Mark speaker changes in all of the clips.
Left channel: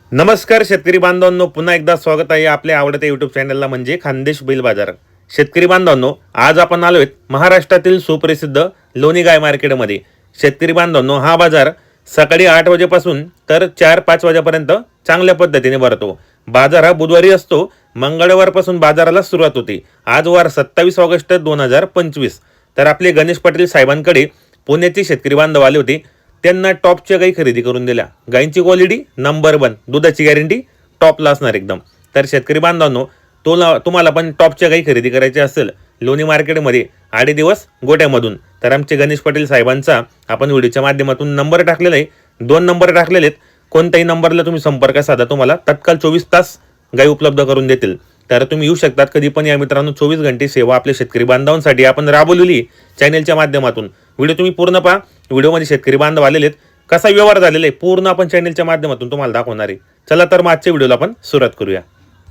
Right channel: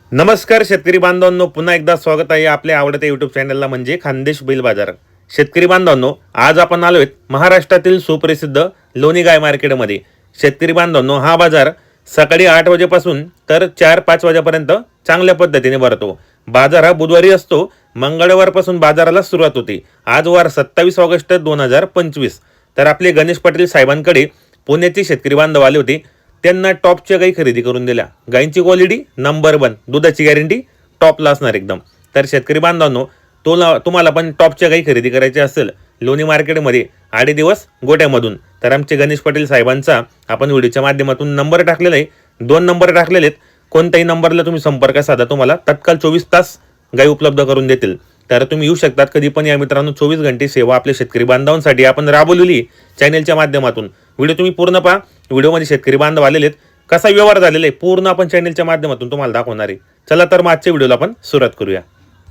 Speaker 1: नमस्कार शेतकरी बांधवांनो, पुन्हा एकदा स्वागत आहे आपल्या आवडत्या यूट्यूब चॅनलला म्हणजे खानदेश बैल बाजार. शेतकरी बांधवांनो, आज आपण आलोय महाराष्ट्रातील सुप्रसिद्ध लोणी गाय मार्केटमध्ये. शेतकरी बांधवांनो, हा बाजार सकाळी 8 वाजेपासून तर 4-5 वाजेपर्यंत चांगल्या पद्धतीने भरतो. बाजार हा बुधवारी असतो. मंगळवारपासून बाजाराला सुरुवात होते. आज वार 27 ऑगस्ट 2025. तर आपले गणेश पाटील साहेबांकडे पुण्याचे शेतकरी बांधव आले होते. त्यांना टॉपच्या गाई खरेदी करून दिल्या. गायींची क्वालिटी नंबर 1, दुधाची गॅरंटी टॉपला असणार एकदम. तर शेतकरी बांधवांनो, तुम्हाला पण टॉपच्या गाई खरेदी करायची असेल लोणी मार्केटमध्ये 8 दिवस गोट्यामधून, तर आमचे गणेश पाटील साहेबांचा आपण व्हिडिओच्या माध्यमातून नंबर टाकलेला आहे. 2 नंबर टाकलेले आहेत. कोणत्याही नंबरला तुम्ही संपर्क साधा, तुम्हाला तत्काळ 24 तास गाई उपलब्ध करून देतील. तर तुम्ही येऊ शकतात कधी पण. या मित्रांनो, 24 घंटे सेवा आपल्या शेतकरी बांधवांसाठी आपण राबवलेली चॅनलच्या माध्यमातून. व्हिडिओ तुम्ही पूर्ण पहा. व्हिडिओमध्ये शेतकरी बांधव आलेले आहेत, कसा व्यवहार झालेला आहे पूर्ण आपण चॅनलच्या माध्यमातून तुम्हाला दाखवणार आहे. चला तर आजच्या व्हिडिओला आपण सुरुवात करूया.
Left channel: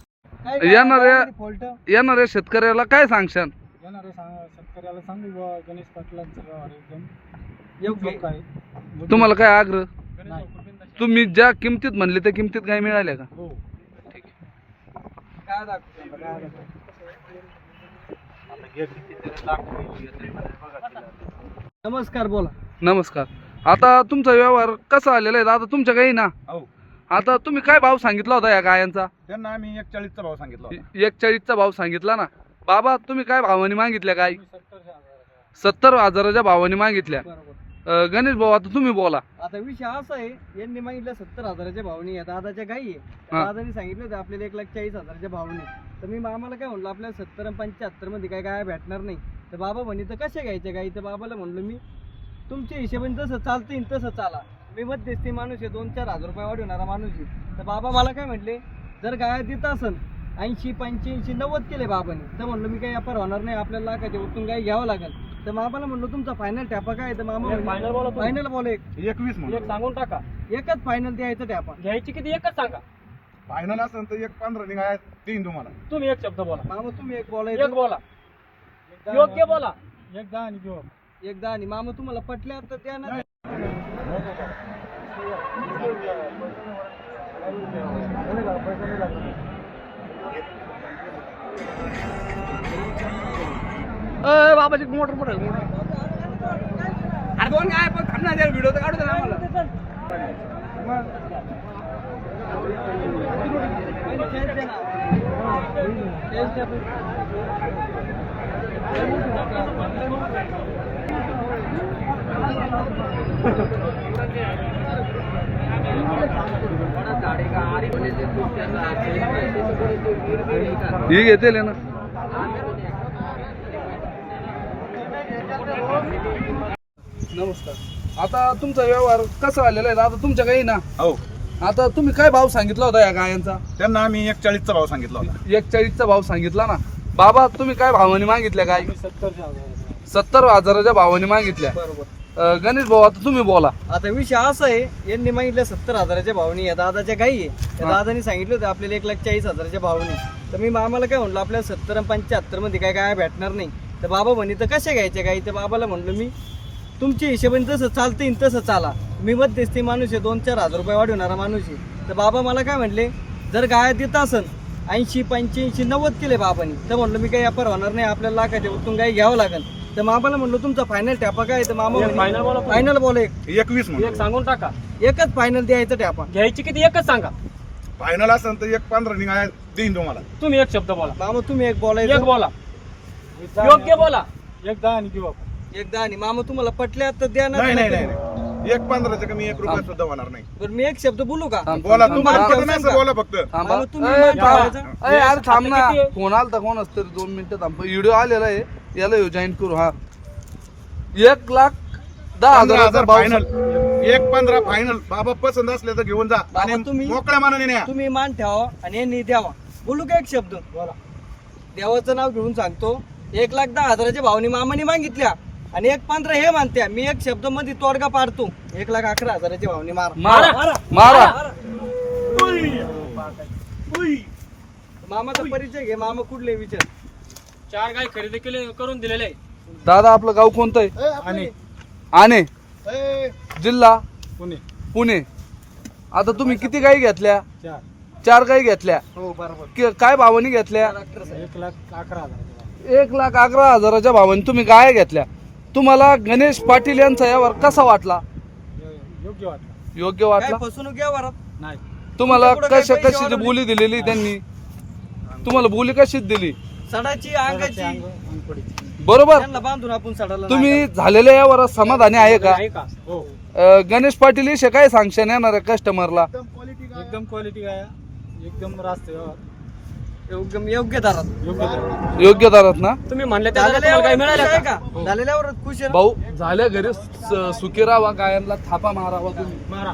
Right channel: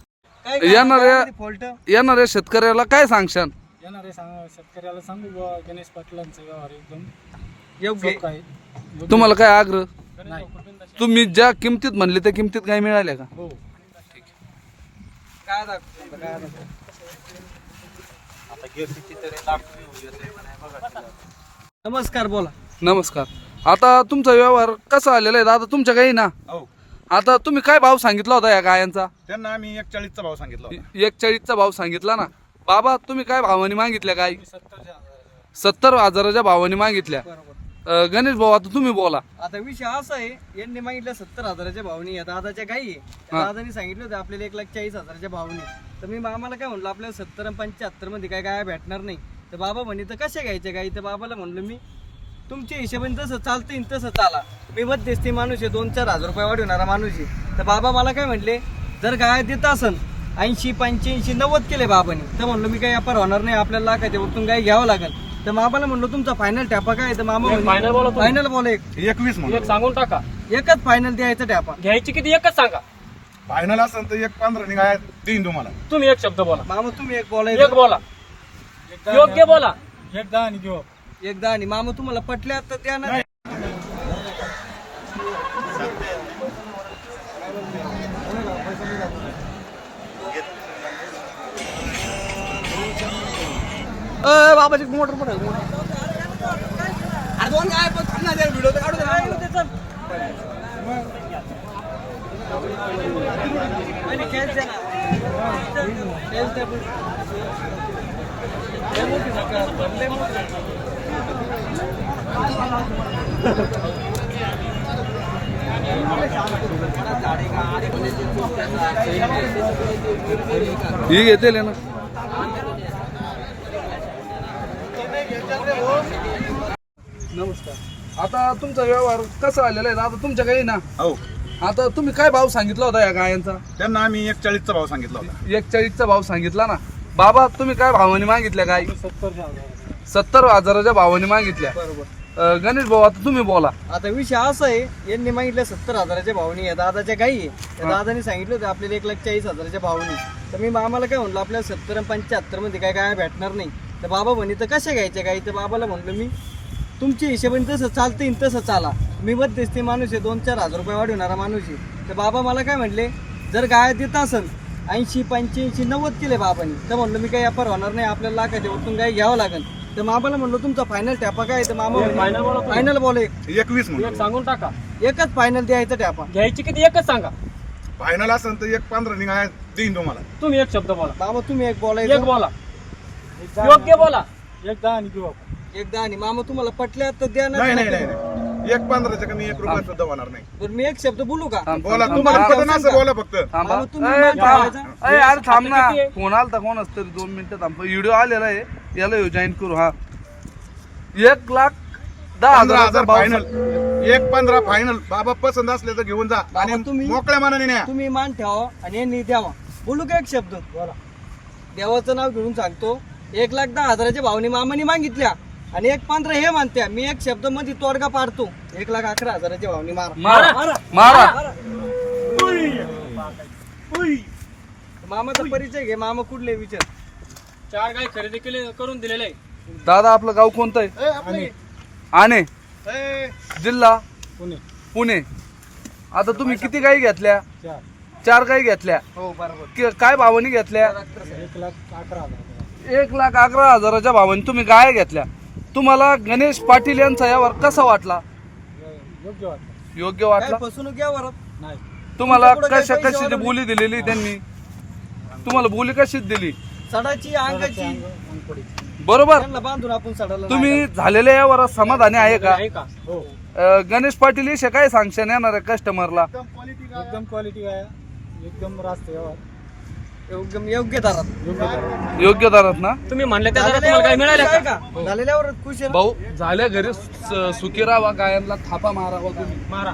Speaker 2: येणाऱ्या शेतकऱ्याला काय सांगशान?
Speaker 3: शेतकऱ्याला सांगू बुवा, गणेश पाटलांचा व्यवहार एकदम
Speaker 2: योग्य
Speaker 3: सोपं आहे.
Speaker 2: तुम्हाला काय आग्रह?
Speaker 3: नाही.
Speaker 2: तुम्ही ज्या किमतीत म्हणले त्या किमतीत काय मिळाल्या का?
Speaker 3: हो.
Speaker 2: काय दाखवतो?
Speaker 3: नमस्कार, बोला.
Speaker 2: नमस्कार. आता तुमचा व्यवहार कसा आलेला आहे दादा? तुमच्या गाई ना,
Speaker 4: हो,
Speaker 2: आता तुम्ही काय भाव सांगितला होता या गायांचा?
Speaker 4: त्यांना आम्ही 41चा भाव सांगितला होता.
Speaker 2: 41चा भाव सांगितला ना. बाबा, तुम्ही काय भावाने मागितल्या गाई?
Speaker 3: 70,000
Speaker 2: भावाने मागितल्या.
Speaker 3: बरोबर.
Speaker 2: गणेश भाऊ, आता तुम्ही बोला.
Speaker 3: आता विषय असा आहे, यांनी मागितलं 70,000च्या भावनी. या दादाच्या गाई आहे.
Speaker 2: हा.
Speaker 3: दादानी सांगितलं होतं आपल्याला 1,40,000च्या भावनी. तर मी मामाला काय म्हणलं, आपल्याला 70 आणि 75 मध्ये काय गाय भेटणार नाही. तर बाबा म्हणे तर कशा घ्यायच्या गाई? तर बाबाला म्हणलं मी, तुमच्या हिशोबाने तसं चालतं तसं चाला. मी मध्यस्थी माणूस आहे, 2-4 हजार रुपये वाढवणारा माणूस आहे. तर बाबा मला काय म्हटले, जर गाय देत असन 80, 85, 90 केले बाबांनी, तर म्हणलं मी काही व्यापार होणार नाही, आपल्याला लाखाच्या वरतून गाय घ्यावं लागेल. तर बाबाला म्हणलं तुमचा फायनल टॅपा काय? तर मामा फायनल बोला
Speaker 4: 21 म्हणून
Speaker 3: सांगून टाका. एकच फायनल द्यायचा टॅपा.
Speaker 5: घ्यायची किती एकच सांगा.
Speaker 4: फायनल असेल तर 1.15 निघाय देईन तुम्हाला.
Speaker 5: तुम्ही एक शब्द बोला.
Speaker 3: मामा तुम्ही एक
Speaker 5: एक
Speaker 3: बोलायचं.
Speaker 5: बोला, योग्य बोला.
Speaker 3: एकदा आणि घेऊ एकदा. आणि मामा तुम्हाला पटल्या तर त्या ना. बाबाची मोटर मोटर अरे दोन काय पण थांबणार द्या, व्हिडिओ तर काढू दे ना आम्हाला. आणि खेळते ना. खेळते आपण. लय मोठी जागा, लय मोठी.
Speaker 2: ही घेते ना. नमस्कार. आता तुमचा व्यवहार कसा आलेला आहे दादा? तुमच्या गाई ना,
Speaker 4: हो,
Speaker 2: आता तुम्ही काय भाव सांगितला होता या गायांचा?
Speaker 4: त्यांना आम्ही 41चा भाव सांगितला होता.
Speaker 2: 41चा भाव सांगितला ना. बाबा, तुम्ही काय भावाने मागितल्या गाई? 70,000च्या भावाने मागितल्या.
Speaker 3: बरोबर.
Speaker 2: गणेश भाऊ, आता तुम्ही बोला.
Speaker 3: आता विषय असा आहे, यांनी मागितलं 70,000च्या भावनी. या दादाच्या गाई आहे. त्या दादानी सांगितलं होतं आपल्याला 1,40,000च्या भावनी. तर मी मामाला काय म्हणलं, आपल्याला 70 आणि 75 मध्ये काय काय भेटणार नाही. तर बाबा म्हणे तर कशा घ्यायच्या गाई? तर बाबाला म्हणलं मी, तुमच्या हिशोबाने तसं चालतं तसं चाला. मी मध्यस्थी माणूस आहे, 2-4 हजार रुपये वाढवणारा माणूस आहे. तर बाबा मला काय म्हटले, जर गाय देत असन 80, 85, 90 केले बाबांनी, तर म्हणलं मी काही व्यापार होणार नाही, आपल्याला लाखाच्या वरतून गाय घ्यावं लागेल. तर मामाला म्हणलं तुमचा फायनल टॅपा काय? तर मामा
Speaker 5: फायनल बोला.
Speaker 3: फायनल बोला
Speaker 4: 21 म्हणून
Speaker 5: एक सांगून टाका.
Speaker 3: एकच फायनल द्यायचा टॅपा.
Speaker 5: घ्यायची किती एकच सांगा.
Speaker 4: फायनल असेल तर 1.15 निघाय देईन तुम्हाला.
Speaker 5: तुम्ही एक शब्द बोला.
Speaker 3: मामा तुम्ही एक
Speaker 5: एक
Speaker 3: बोलायचं.
Speaker 5: बोला, योग्य बोला.
Speaker 3: एकदा आणि घेऊ आपण. एकदा आणि मामा तुम्हाला पटल्या तर द्या ना.
Speaker 4: नाही नाही नाही नाही. 1.15चा कमी 1 रुपया सुद्धा होणार नाही.
Speaker 3: बरं मी एक शब्द बोलू का?
Speaker 4: बोला, तुम्हाला पटलं असं बोला फक्त.
Speaker 2: थांबा.
Speaker 3: मामा तुम्ही
Speaker 2: ए,
Speaker 3: मान
Speaker 2: थांबा.
Speaker 3: ठेवायचा.
Speaker 2: ए, अरे थांब ना.
Speaker 5: आता किती आहे?
Speaker 2: फोन आला तर कोण असतं? 2 मिनिटं थांब. व्हिडिओ आलेला आहे, याला जॉईन करू. हा, 1,10,000
Speaker 4: फायनल. 1.15 फायनल. बाबा पसंत असले तर घेऊन जा आणि
Speaker 3: बाबा, तुम्ही-
Speaker 4: मोकळ्या मनाने न्या.
Speaker 3: तुम्ही मान ठेवा आणि यांनी द्यावा. बोलू का एक शब्द? बोला. देवाचं नाव घेऊन सांगतो, 1,10,000च्या भावनी मामाने मागितल्या आणि 1.15 हे मानत्या. मी एक शब्द मध्ये तोडगा पाडतो, 1,11,000च्या भावनी मार.
Speaker 5: मारा.
Speaker 2: मारा.
Speaker 3: मामाचा परिचय घे. मामा कुठले विचार?
Speaker 5: 4 गाय खरेदी केले करून दिलेले आहे.
Speaker 2: दादा, आपलं गाव कोणतं आहे? आणे. जिल्हा
Speaker 3: पुणे.
Speaker 2: पुणे. आता तुम्ही किती गाई घेतल्या? 4 गाई घेतल्या.
Speaker 3: हो बरोबर.
Speaker 2: काय भावानी घेतल्या?
Speaker 3: 1,11,000.
Speaker 2: 1,11,000च्या भावानी तुम्ही गाय घेतल्या. तुम्हाला गणेश पाटील यांचा व्यवहार कसा वाटला? योग्य
Speaker 3: काय
Speaker 2: वाटला?
Speaker 3: फसवणूक या वरात नाही.
Speaker 2: तुम्हाला
Speaker 3: तुमच्या पुढं
Speaker 2: कशा
Speaker 3: काही पैसे
Speaker 2: कशी
Speaker 3: वाढवले?
Speaker 2: बोली दिलेली त्यांनी? तुम्हाला बोली कशीच दिली?
Speaker 3: सडाची अंगाची
Speaker 2: बरोबर.
Speaker 3: त्यांना बांधून आपण सडाला
Speaker 2: तुम्ही झालेल्या यावर समाधानी आहे का?
Speaker 5: आहे का? हो.
Speaker 2: गणेश पाटील विषयी काय सांगशन येणार आहे कस्टमरला?
Speaker 3: एकदम क्वालिटी काय एकदम रास्त व्यवहार एकदम योग्य दरात
Speaker 2: योग्य दरात ना?
Speaker 5: तुम्ही म्हणले त्या दरात तुम्हाला काय मिळालं का?
Speaker 3: का झालेल्यावर खुश आहे ना?
Speaker 2: भाऊ झाल्या घरी सुखी राहावा, गायांना थापा मारावा तुम्ही.
Speaker 5: मारा.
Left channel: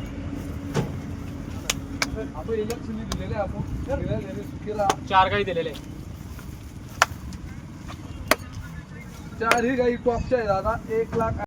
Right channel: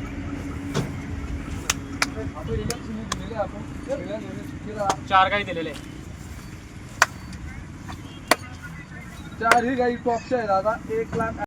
Speaker 2: आपण इलेक्शन दिलेले आपण सगळ्या घरी सुखी राहा.
Speaker 5: 4 गाई दिलेले.
Speaker 2: 4 ही गाई टॉपच्या आहे दादा. 1,00,000